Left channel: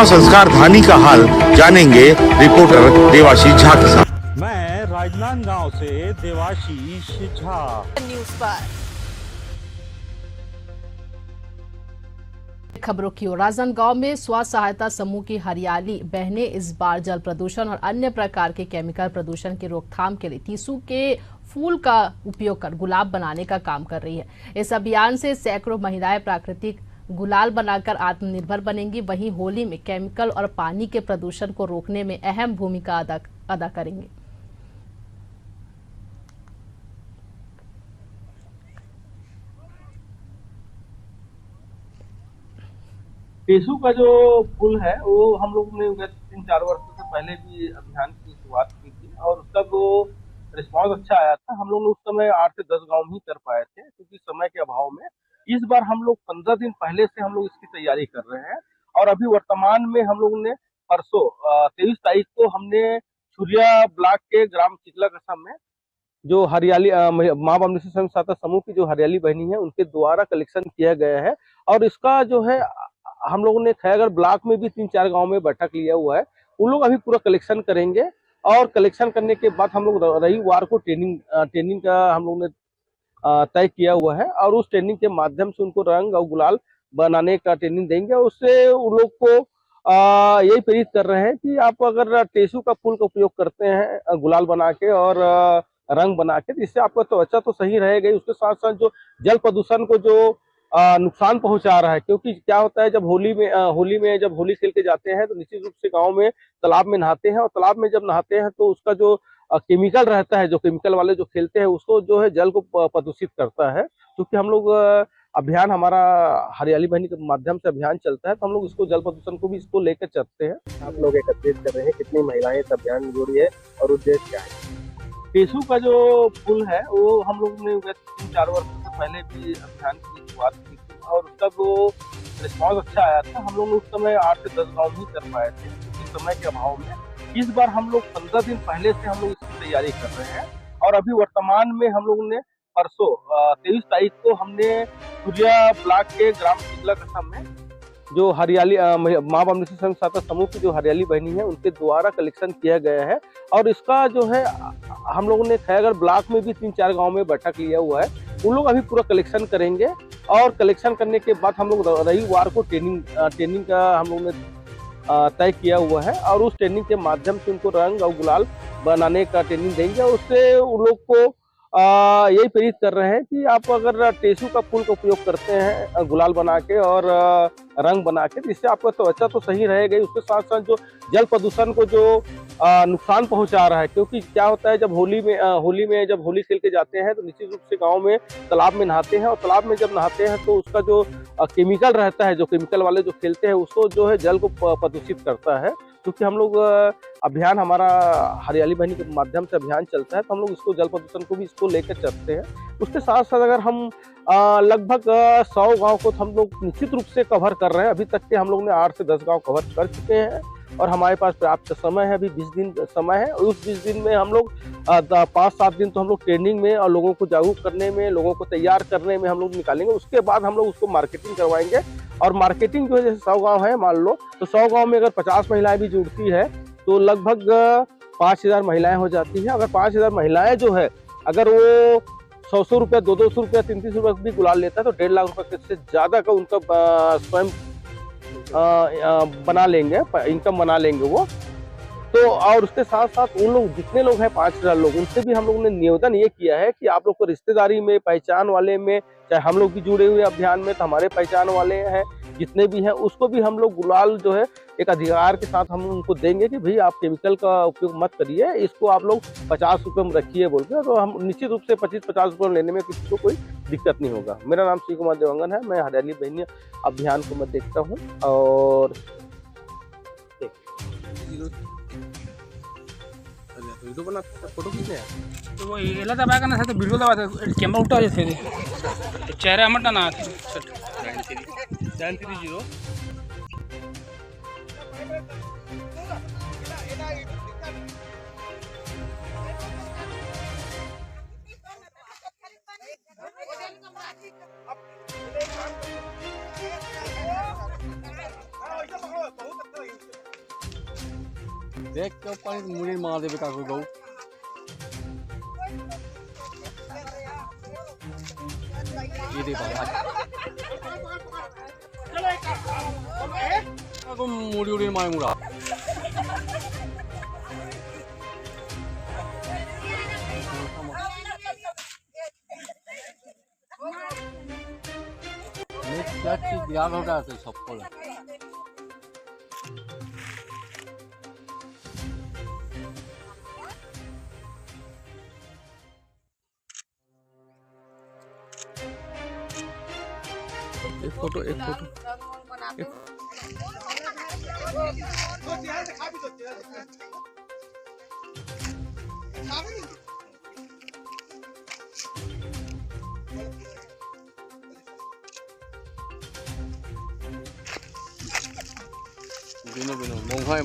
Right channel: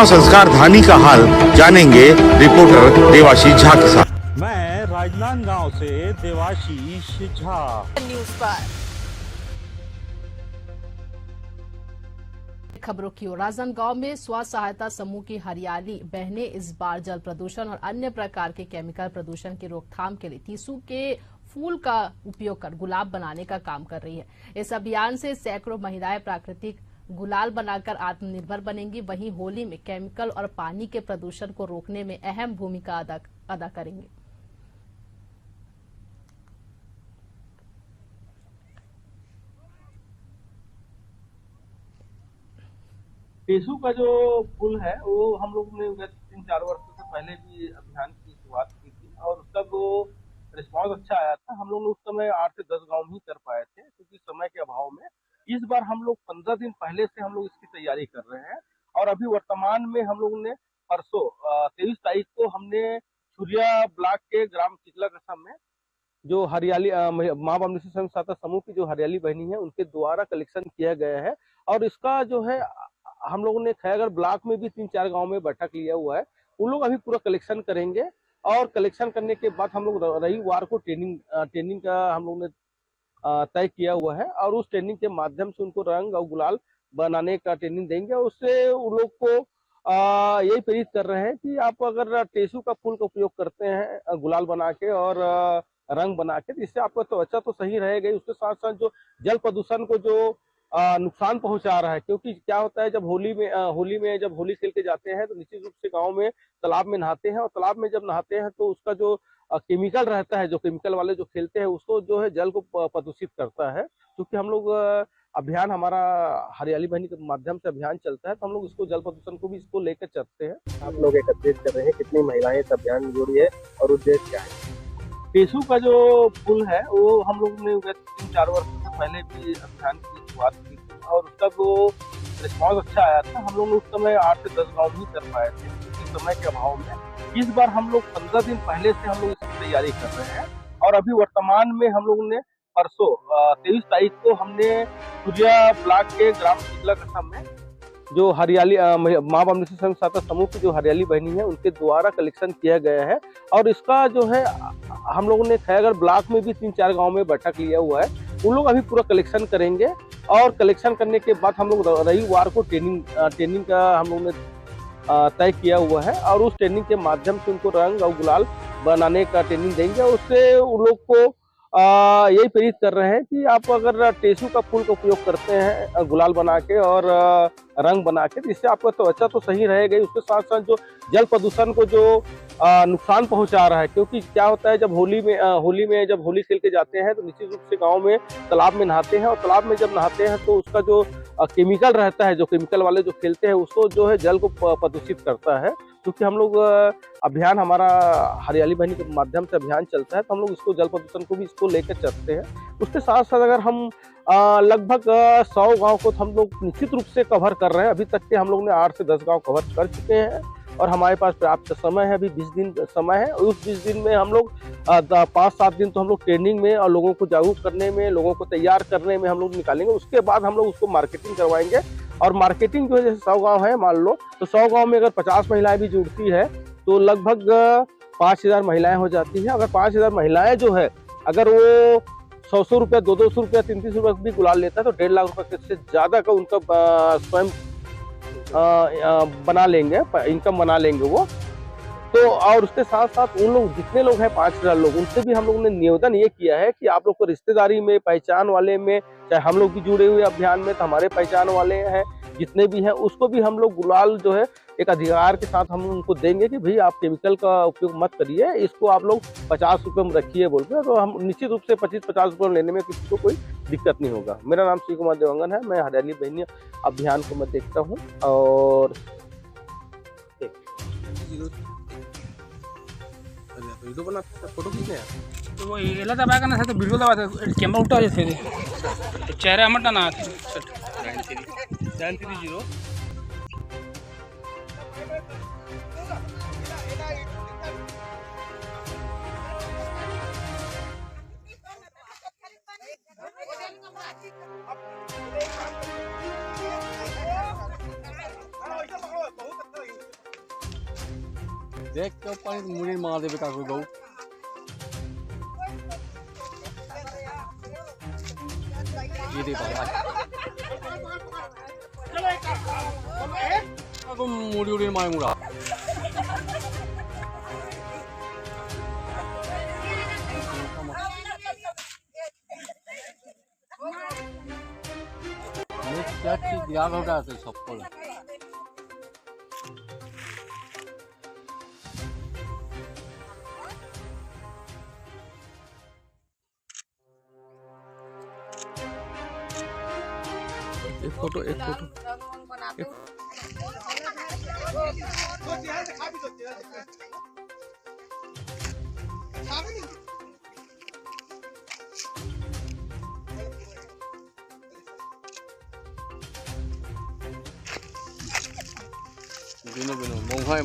प्रतिमा संस्कार धानी का हाल जानेंगे रिपोर्टर देवाशीष झा के साथ। मैं राजनांदगांव से देवाशीष झा, न्यूज़ पर। खबरों की ओर, राजनांदगांव में स्व सहायता समूह की हरियाली बहनें इस बार जल प्रदूषण और अन्य प्रकार के केमिकल प्रदूषण की रोकथाम के लिए टीसू के फूल का उपयोग कर गुलाब बनाने का काम कर रही है। इस अभियान से सैकड़ों महिलाएं प्राकृतिक गुलाल बनाकर आत्मनिर्भर बनेंगी। वहीं होली में केमिकल और पानी के प्रदूषण को रोकने में अहम भूमिका अदा करेंगे। टेसू का जो पुल है वो हम लोग ने 3-4 वर्षों से पहले भी अभियान की शुरुआत की थी और उसका जो रिस्पांस अच्छा आया था। हम लोग ने उस समय 8 से 10 गांव ही कर पाए थे क्योंकि समय के अभाव में। इस बार हम लोग 15 दिन पहले से हम लोग इसकी तैयारी कर रहे हैं और अभी वर्तमान में हम लोग ने परसों 23 तारीख को हमने छुरिया ब्लॉक के ग्राम चिकला कसम में जो हरियाली माँ बमलेश्वरी स्वयं सहायता समूह की जो हरियाली बहनी है उनके द्वारा कलेक्शन किया गया है। और इसका जो है हम लोगों ने खैरगढ़ ब्लॉक में भी 3-4 गांव में बैठक लिया हुआ है। उन लोग अभी पूरा कलेक्शन करेंगे और कलेक्शन करने के बाद हम लोग रविवार को ट्रेनिंग का हम लोग ने तय किया हुआ है और उस ट्रेनिंग के माध्यम से उनको रंग और गुलाल बनाने का ट्रेनिंग देंगे। उससे उन लोग को यही प्रेरित कर रहे हैं कि आप अगर टेसू का फूल का उपयोग करते हैं गुलाल बना के और रंग बना के, तो इससे आपका त्वचा तो सही रहेगा। उसके साथ साथ जो जल प्रदूषण को जो नुकसान पहुंचा रहा है, क्योंकि क्या होता है जब होली में जब होली खेल के जाते हैं तो निश्चित रूप से गांव में तालाब में नहाते हैं और तालाब में जब नहाते हैं तो उसका जो केमिकल रहता है, जो केमिकल वाले जो खेलते हैं उसको जो है जल को प्रदूषित करता है। क्योंकि हम लोग अभियान हमारा हरियाली बहनी के माध्यम से अभियान चलता है तो हम लोग इसको जल प्रदूषण को भी इसको लेकर चलते हैं। आप लोग एकत्रित कर रहे हैं, कितनी महिलाएं इस अभियान में जुड़ी है और उद्देश्य क्या है? टेसू का जो पुल है वो हम लोग ने 3-4 वर्षों से पहले भी अभियान की शुरुआत की थी और उसका जो रिस्पांस अच्छा आया था। हम लोग ने उस समय 8 से 10 गांव ही कर पाए थे क्योंकि समय के अभाव में। इस बार हम लोग 15 दिन पहले से हम लोग इसकी तैयारी कर रहे हैं और अभी वर्तमान में हम लोग ने परसों 23 तारीख को हमने सूर्या ब्लॉक के ग्राम चिकला कसम में जो हरियाली माँ बमलेश्वरी स्वयं सहायता समूह की जो हरियाली बहनी है उनके द्वारा कलेक्शन किया गया है और इसका जो है हम लोगों ने खैरगढ़ ब्लॉक में भी 3-4 गांव में बैठक लिया हुआ है। उन लोग अभी पूरा कलेक्शन करेंगे और कलेक्शन करने के बाद हम लोग रविवार को ट्रेनिंग का हम लोग ने तय किया हुआ है और उस ट्रेनिंग के माध्यम से उनको रंग और गुलाल बनाने का ट्रेनिंग देंगे। उससे उन लोग को यही प्रेरित कर रहे हैं कि आप अगर टेसू का फूल का उपयोग करते हैं गुलाल बना के और रंग बना के, तो इससे आपका त्वचा तो सही रहेगा। उसके साथ साथ जो जल प्रदूषण को जो नुकसान पहुंचा रहा है, क्योंकि क्या होता है जब होली में जब होली खेल के जाते हैं तो निश्चित रूप से गांव में तालाब में नहाते हैं और तालाब में जब नहाते हैं तो उसका जो केमिकल रहता है, जो केमिकल वाले जो खेलते हैं उसको जो है जल को प्रदूषित करता है। क्योंकि हम लोग अभियान हमारा हरियाली बहनी के माध्यम से अभियान चलता है तो हम लोग इसको जल प्रदूषण को भी इसको लेकर चलते हैं। उसके साथ साथ अगर हम लगभग 100 गांव को हम लोग निश्चित रूप से कवर कर रहे हैं। अभी तक के हम लोग ने 8 से 10 गांव कवर कर चुके हैं और हमारे पास पर्याप्त समय है, अभी 20 दिन समय है। उस 20 दिन में हम लोग 5-7 दिन तो हम लोग ट्रेनिंग में और लोगों को जागरूक करने में, लोगों को तैयार करने में हम लोग निकालेंगे। उसके बाद हम लोग उसको मार्केटिंग करवाएंगे और मार्केटिंग जो है जैसे 100 गाँव है मान लो, तो 100 गाँव में अगर 50 महिलाएं भी जुड़ती है तो लगभग 5000 महिलाएं हो जाती है। अगर 5000 महिलाएं जो है अगर वो 100 रुपया, 200 रुपया, 300 रुपया भी गुलाल लेता है तो 1.5 लाख रुपए से ज्यादा का उनका स्वयं बना लेंगे, इनकम बना लेंगे वो तो। और उसके साथ साथ उन लोग जितने लोग हैं 5000 लोग, उनसे भी हम लोगों ने निवेदन ये किया है कि आप लोग को रिश्तेदारी में, पहचान वाले में, चाहे हम लोग भी जुड़े हुए अभियान में तो हमारे पहचान वाले हैं जितने भी हैं, उसको भी हम लोग गुलाल जो है एक अधिकार के साथ हम उनको देंगे कि भाई आप केमिकल का उपयोग मत करिए, इसको आप लोग 50 रुपये में रखिए बोल के। तो हम निश्चित रूप से 25-50 रुपये लेने में किसी को कोई दिक्कत नहीं होगा। मेरा नाम श्री कुमार देवांगन है, मैं हरियाली बहनी अभियान को मैं देखता हूँ और वीडियो बना फोटो खींचने हैं तो वो एला दबाया करना था तो वीडियो दबा था कैमरा उल्टा हो जाते चेहरा हमारा ना 930 बहुत अच्छा देख के पानी मुड़ी मार देवे का कोई गऊ ये दे बाबा को मुड़ी उड़ी मार मुड़ा मैं क्या चीज याद हो रहा है सबको एक फोटो बिनो मौहा